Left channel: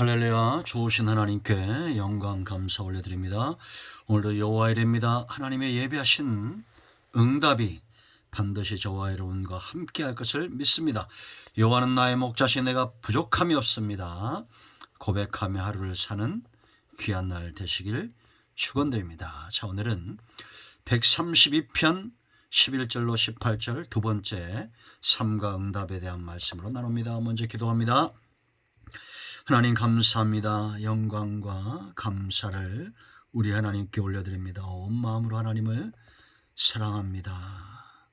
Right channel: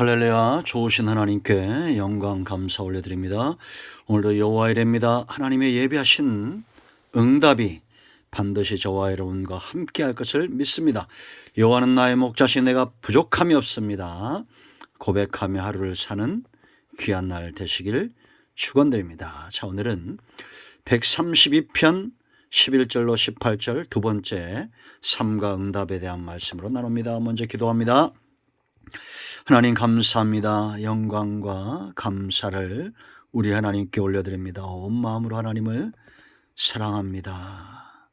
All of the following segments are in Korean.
할렐루야. 좋으신 하나님께 영광 감사 올려드립니다. 오늘도 여호와의 일입니다. 하나님의 예비하신 응답이 반드시 저와 여러분과 함께 할 것을 믿습니다. 여호와는 나의 목자시 내가 부족함이 없습니다. 고백하며 하루를 사는 귀한 날 되시길 축원드립니다. 자, 오늘은 132편 11절로 18절 두 번째 삶과 응답에 대한 말씀으로 나눕니다. 먼저 기도합니다. 하나님 감사합니다. 영광과 감사를 우리 하나님께 올려드립니다. 온 마음으로 하나님을 사랑합니다.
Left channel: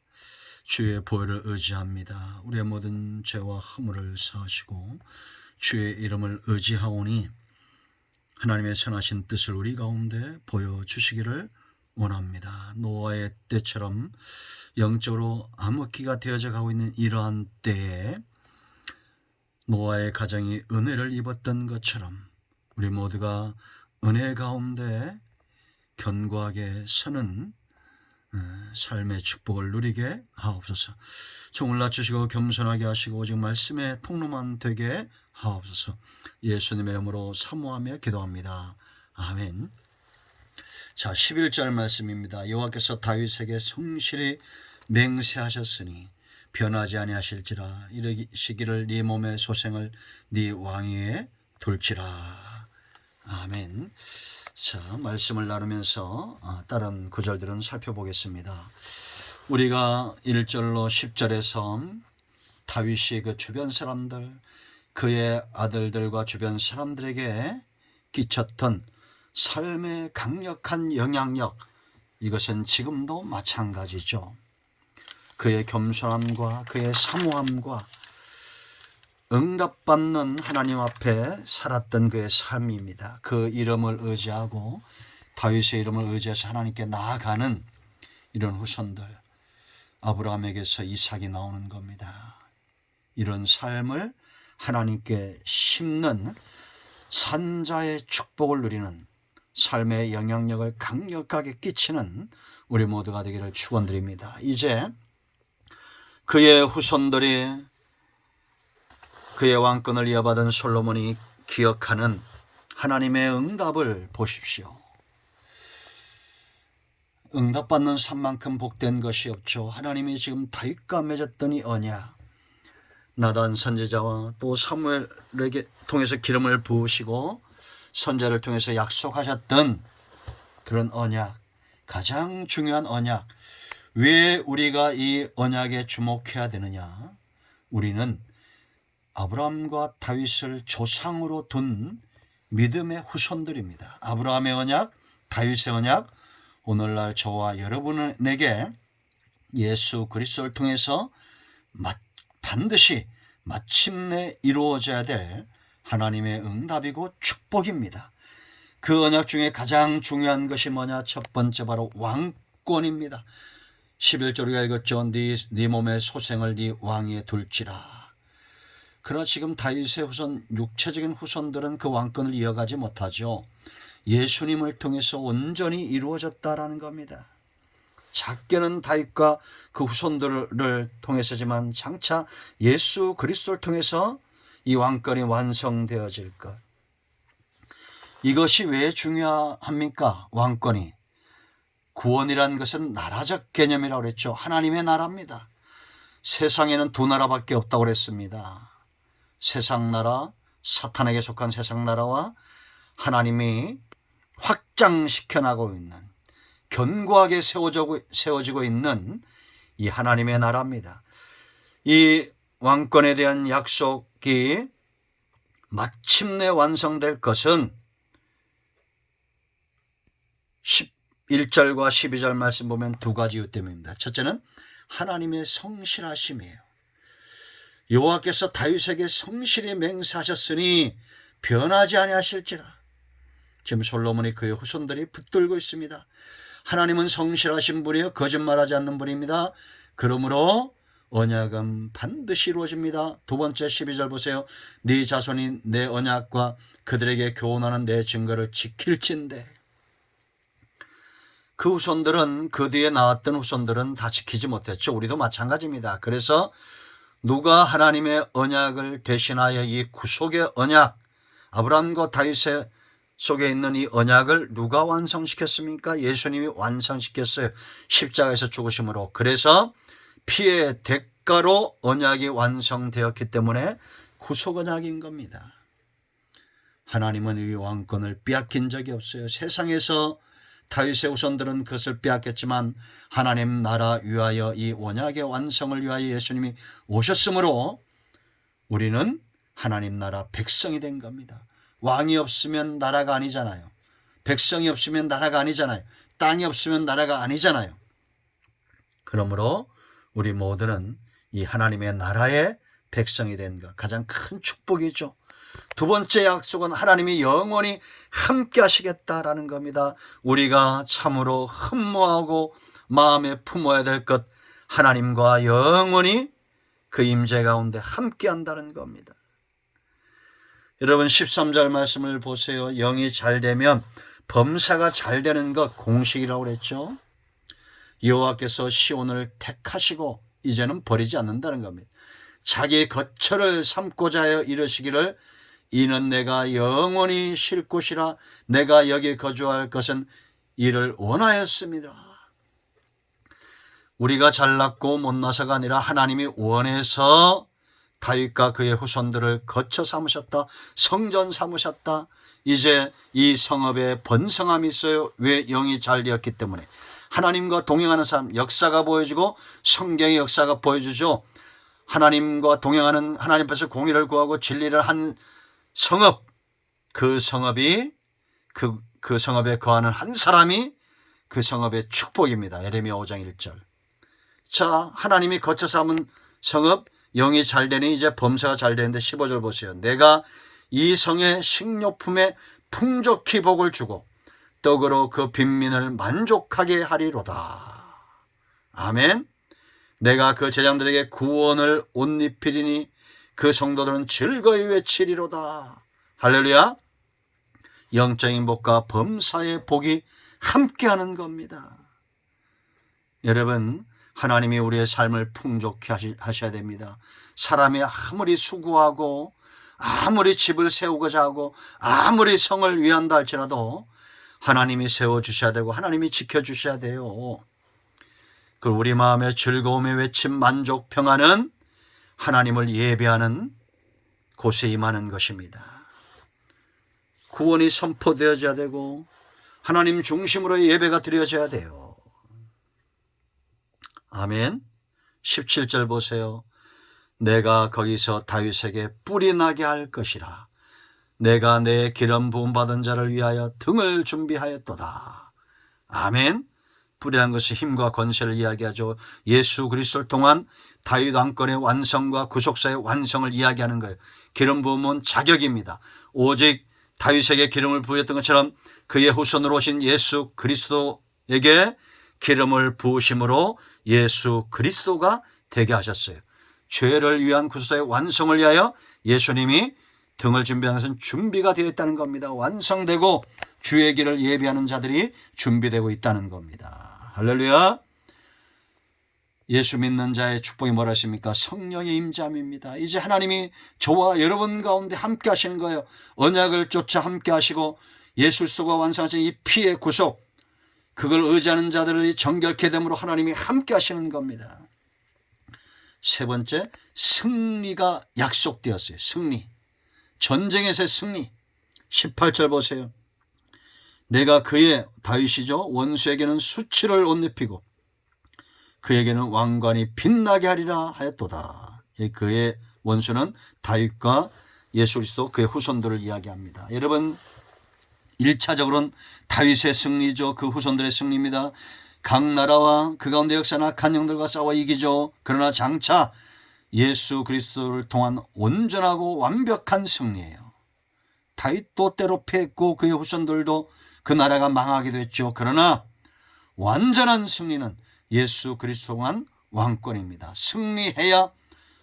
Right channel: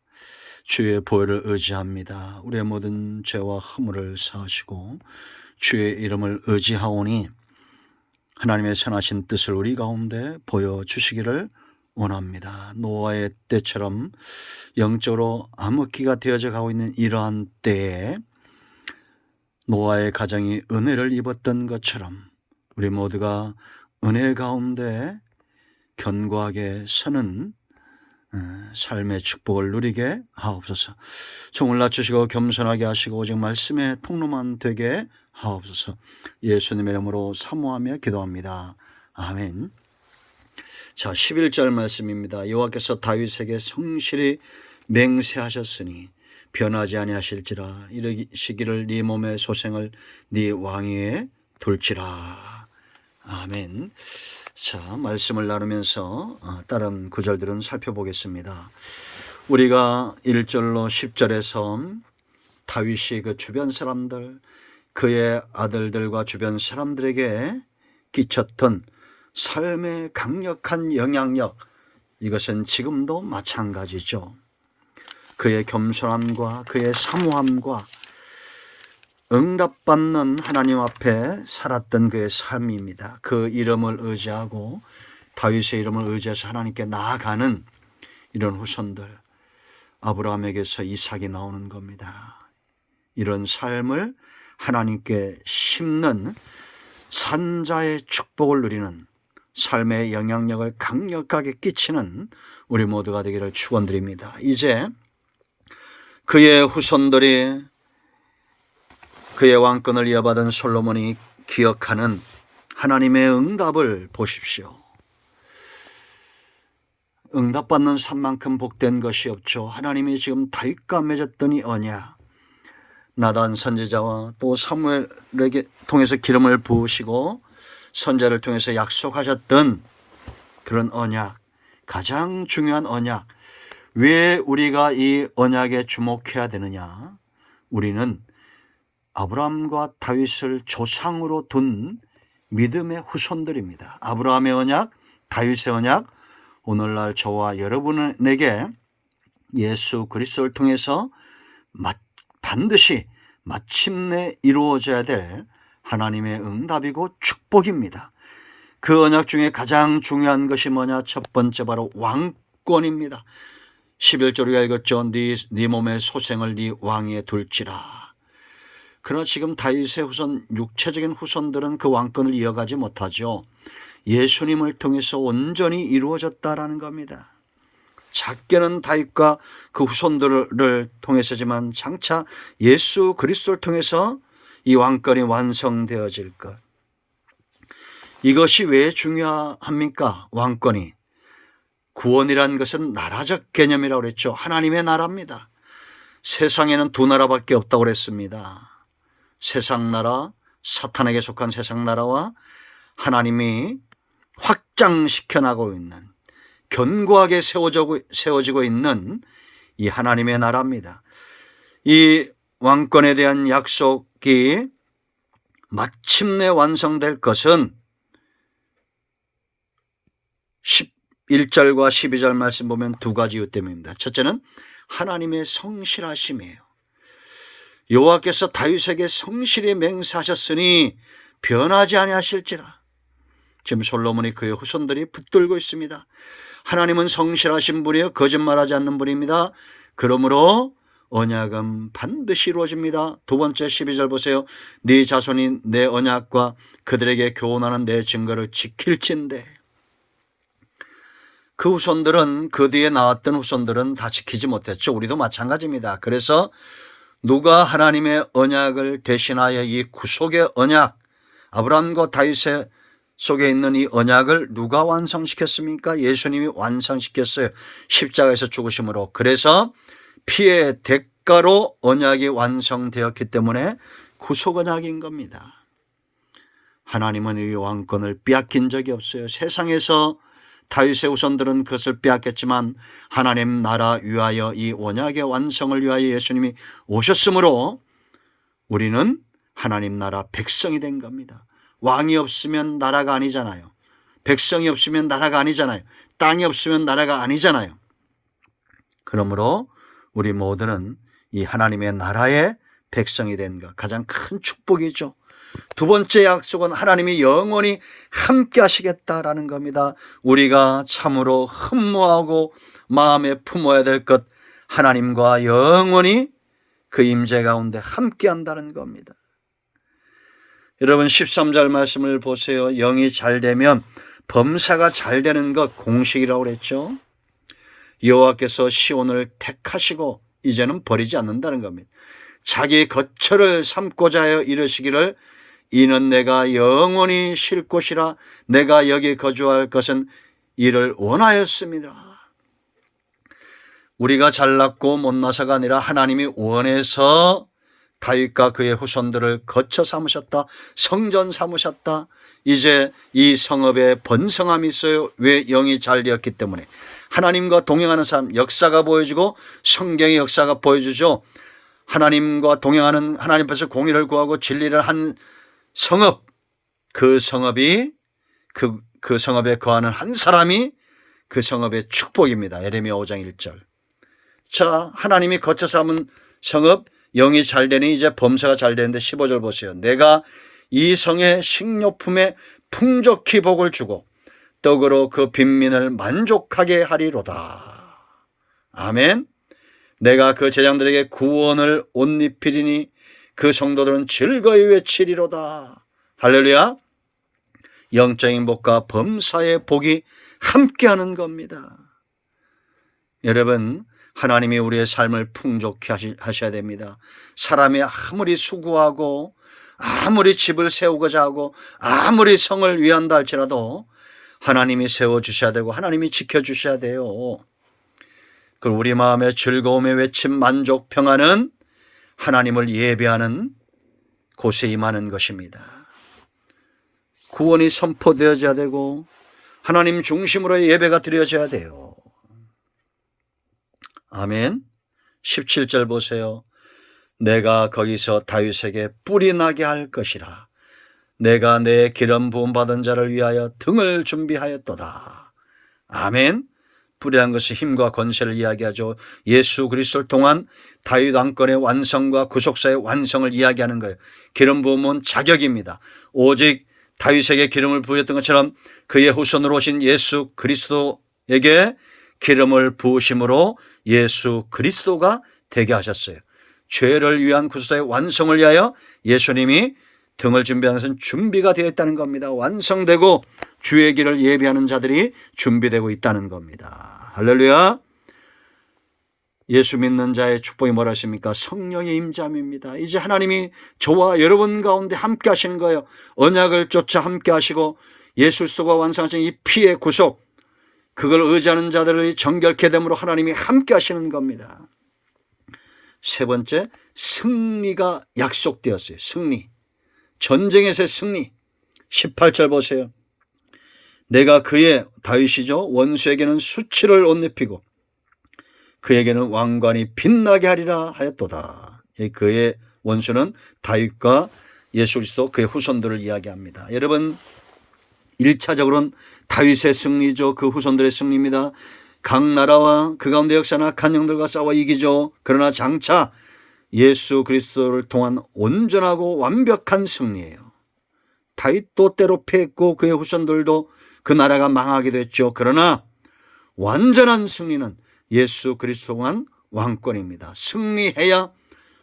주의 보혈을 의지합니다. 우리의 모든 죄와 허물을 사하시고 주의 이름을 의지하오니 하나님의 선하신 뜻을 우리 가운데 보여주시기를 원합니다. 노아의 때처럼 영적으로 암흑기가 되어져 가고 있는 이러한 때에 노아의 가정이 은혜를 입었던 것처럼 우리 모두가 은혜 가운데 견고하게 서는 삶의 축복을 누리게 하옵소서. 종을 낮추시고 겸손하게 하시고 오직 말씀의 통로만 되게 하옵소서. 예수님의 이름으로 사모하며 기도합니다. 아멘. 자, 11절 말씀입니다. 여호와께서 다윗에게 성실히 맹세하셨으니 변하지 아니하실지라. 이르시기를 네 몸의 소생을 네 왕위에 둘지라. 아멘. 자, 말씀을 나누면서 다른 구절들은 살펴보겠습니다. 우리가 1절로 10절에서 다윗이 그 주변 사람들, 그의 아들들과 주변 사람들에게 끼쳤던 삶의 강력한 영향력, 이것은 지금도 마찬가지죠. 그의 겸손함과 그의 사모함과 응답받는 하나님 앞에 살았던 그의 삶입니다. 그 이름을 의지하고 다윗의 이름을 의지해서 하나님께 나아가는 이런 후손들, 아브라함에게서 이삭이 나오는 겁니다. 이런 삶을 하나님께 심는 산자의 축복을 누리는 삶의 영향력을 강력하게 끼치는 우리 모두가 되기를 축원드립니다. 이제 그의 후손들이 그의 왕권을 이어받은 솔로몬이 기억하는 하나님의 응답을 보십시오. 응답받는 삶만큼 복된 것이 없죠. 하나님이 지금 다윗과 맺었던 이 언약, 나단 선지자와 또 사무엘에게 통해서 기름을 부으시고 선제를 통해서 약속하셨던 그런 언약, 가장 중요한 언약. 왜 우리가 이 언약에 주목해야 되느냐? 우리는 아브라함과 다윗을 조상으로 둔 믿음의 후손들입니다. 아브라함의 언약, 다윗의 언약, 오늘날 저와 여러분에게 예수 그리스도를 통해서 반드시 마침내 이루어져야 될 하나님의 응답이고 축복입니다. 그 언약 중에 가장 중요한 것이 뭐냐? 첫 번째 바로 왕권입니다. 11절 우리가 읽었죠. 네 몸의 소생을 네 왕위에 둘지라. 그러나 지금 다윗의 후손, 육체적인 후손들은 그 왕권을 이어가지 못하죠. 예수님을 통해서 온전히 이루어졌다라는 겁니다. 작게는 다윗과 그 후손들을 통해서지만 장차 예수 그리스도를 통해서 이 왕권이 완성되어질 것. 이것이 왜 중요합니까? 왕권이. 구원이란 것은 나라적 개념이라고 그랬죠. 하나님의 나라입니다. 세상에는 두 나라밖에 없다고 그랬습니다. 세상 나라, 사탄에게 속한 세상 나라와 하나님이 확장시켜 나가고 있는, 견고하게 세워지고 있는 이 하나님의 나라입니다. 이 왕권에 대한 약속이 마침내 완성될 것은 11절과 12절 말씀 보면 두 가지 이유 때문입니다. 첫째는 하나님의 성실하심이에요. 여호와께서 다윗에게 성실히 맹세하셨으니 변하지 아니하실지라. 지금 솔로몬이 그의 후손들이 붙들고 있습니다. 하나님은 성실하신 분이요 거짓말하지 않는 분입니다. 그러므로 언약은 반드시 이루어집니다. 두 번째 12절 보세요. 네 자손이 내 언약과 그들에게 교훈하는 내 증거를 지킬진대. 그 후손들은, 그 뒤에 나왔던 후손들은 다 지키지 못했죠. 우리도 마찬가지입니다. 그래서 누가 하나님의 언약을 대신하여 이 구속의 언약, 아브라함과 다윗의 속에 있는 이 언약을 누가 완성시켰습니까? 예수님이 완성시켰어요. 십자가에서 죽으심으로. 그래서 피의 대가로 언약이 완성되었기 때문에 구속 언약인 겁니다. 하나님은 이 왕권을 빼앗긴 적이 없어요. 세상에서 다윗의 후손들은 그것을 빼앗겼지만 하나님 나라 위하여 이 언약의 완성을 위하여 예수님이 오셨으므로 우리는 하나님 나라 백성이 된 겁니다. 왕이 없으면 나라가 아니잖아요. 백성이 없으면 나라가 아니잖아요. 땅이 없으면 나라가 아니잖아요. 그러므로 우리 모두는 이 하나님의 나라의 백성이 된 것, 가장 큰 축복이죠. 두 번째 약속은 하나님이 영원히 함께 하시겠다라는 겁니다. 우리가 참으로 흠모하고 마음에 품어야 될 것, 하나님과 영원히 그 임재 가운데 함께 한다는 겁니다. 여러분 13절 말씀을 보세요. 영이 잘 되면 범사가 잘 되는 것, 공식이라고 그랬죠. 여호와께서 시온을 택하시고 이제는 버리지 않는다는 겁니다. 자기 거처를 삼고자 하여 이르시기를 이는 내가 영원히 쉴 곳이라 내가 여기 거주할 것은 이를 원하였습니다. 우리가 잘났고 못나서가 아니라 하나님이 원해서 다윗과 그의 후손들을 거처 삼으셨다. 성전 삼으셨다. 이제 이 성읍에 번성함이 있어요. 왜? 영이 잘 되었기 때문에. 하나님과 동행하는 사람, 역사가 보여지고 성경의 역사가 보여주죠. 하나님과 동행하는, 하나님 앞에서 공의를 구하고 진리를 한 성읍, 그 성읍이 그 성읍에 거하는 한 사람이 그 성읍의 축복입니다. 예레미야 5장 1절. 자, 하나님이 거쳐 삼은 성읍, 영이 잘 되니 이제 범사가 잘 되는데 15절 보세요. 내가 이 성의 식료품에 풍족히 복을 주고 떡으로 그 빈민을 만족하게 하리로다. 아멘. 내가 그 제장들에게 구원을 옷 입히리니 그 성도들은 즐거이 외치리로다. 할렐루야. 영적인 복과 범사의 복이 함께하는 겁니다. 여러분, 하나님이 우리의 삶을 풍족히 하셔야 됩니다. 사람이 아무리 수고하고 아무리 집을 세우고자 하고 아무리 성을 위한다 할지라도 하나님이 세워주셔야 되고 하나님이 지켜주셔야 돼요. 그리고 우리 마음의 즐거움의 외침, 만족, 평안은 하나님을 예배하는 곳에 임하는 것입니다. 구원이 선포되어져야 되고 하나님 중심으로의 예배가 드려져야 돼요. 아멘. 17절 보세요. 내가 거기서 다윗에게 뿔이 나게 할 것이라. 내가 내 기름 부음 받은 자를 위하여 등을 준비하였도다. 아멘. 뿔이라는 것은 힘과 권세를 이야기하죠. 예수 그리스도를 통한 다윗 왕권의 완성과 구속사의 완성을 이야기하는 거예요. 기름 부음은 자격입니다. 오직 다윗에게 기름을 부었던 것처럼 그의 후손으로 오신 예수 그리스도에게 기름을 부으심으로 예수 그리스도가 되게 하셨어요. 죄를 위한 구속사의 완성을 위하여 예수님이 등을 준비하는 것은 준비가 되어 있다는 겁니다. 완성되고 주의 길을 예비하는 자들이 준비되고 있다는 겁니다. 할렐루야. 예수 믿는 자의 축복이 뭐라 하십니까? 성령의 임재함입니다. 이제 하나님이 저와 여러분 가운데 함께 하시는 거예요. 언약을 쫓아 함께 하시고 예수 그리스도가 완성하신 이 피의 구속, 그걸 의지하는 자들이 정결케 됨으로 하나님이 함께 하시는 겁니다. 세 번째, 승리가 약속되었어요. 승리. 전쟁에서의 승리. 18절 보세요. 내가 그의, 다윗이죠, 원수에게는 수치를 옷 입히고 그에게는 왕관이 빛나게 하리라 하였도다. 그의 원수는 다윗과 예수 그리스도 그의 후손들을 이야기합니다. 여러분, 1차적으로는 다윗의 승리죠. 그 후손들의 승리입니다. 각 나라와 그 가운데 역사나 악한 영들과 싸워 이기죠. 그러나 장차 예수 그리스도를 통한 온전하고 완벽한 승리예요. 다윗도 때로 패했고 그의 후손들도 그 나라가 망하기도 했죠. 그러나 완전한 승리는 예수 그리스도만 왕권입니다. 승리해야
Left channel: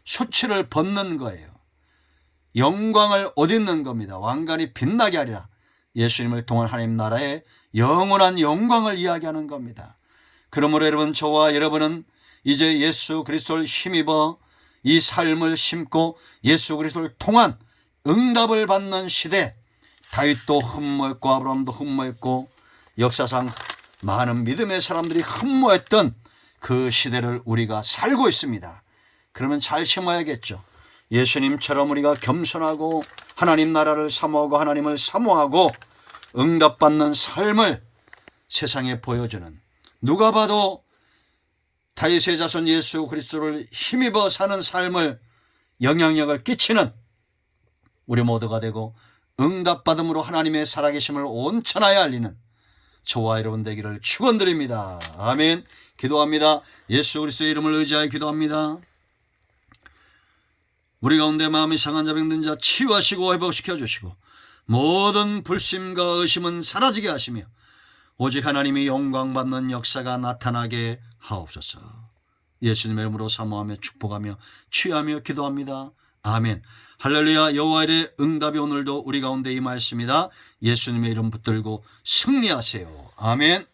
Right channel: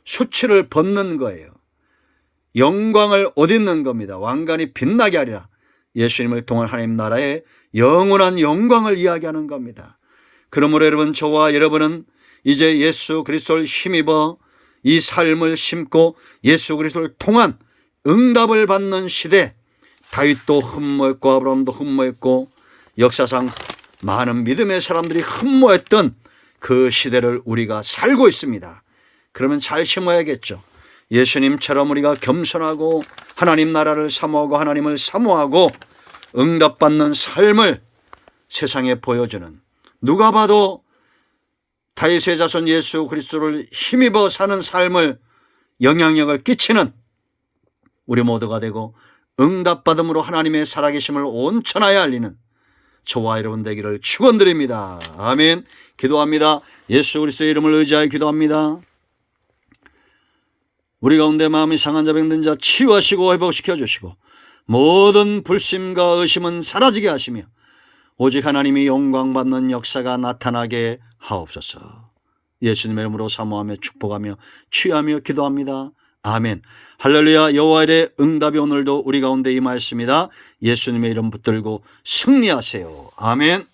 수치를 벗는 거예요. 영광을 옷 입는 겁니다. 왕관이 빛나게 하리라. 예수님을 통한 하나님 나라의 영원한 영광을 이야기하는 겁니다. 그러므로 여러분, 저와 여러분은 이제 예수 그리스도를 힘입어 이 삶을 심고 예수 그리스도를 통한 응답을 받는 시대, 다윗도 흠모했고 아브라함도 흠모했고 역사상 많은 믿음의 사람들이 흠모했던 그 시대를 우리가 살고 있습니다. 그러면 잘 심어야겠죠. 예수님처럼 우리가 겸손하고 하나님 나라를 사모하고 하나님을 사모하고 응답받는 삶을 세상에 보여주는, 누가 봐도 다윗의 자손 예수 그리스도를 힘입어 사는 삶을 영향력을 끼치는 우리 모두가 되고 응답받음으로 하나님의 살아계심을 온 천하에 알리는 저와 여러분 되기를 축원드립니다. 아멘. 기도합니다. 예수 그리스도의 이름을 의지하여 기도합니다. 우리 가운데 마음이 상한 자 병든 자 치유하시고 회복시켜 주시고 모든 불심과 의심은 사라지게 하시며 오직 하나님이 영광받는 역사가 나타나게 하옵소서. 예수님의 이름으로 사모하며 축복하며 취하며 기도합니다. 아멘. 할렐루야. 여호와의 응답이 오늘도 우리 가운데 임하였습니다. 예수님의 이름 붙들고 승리하세요. 아멘.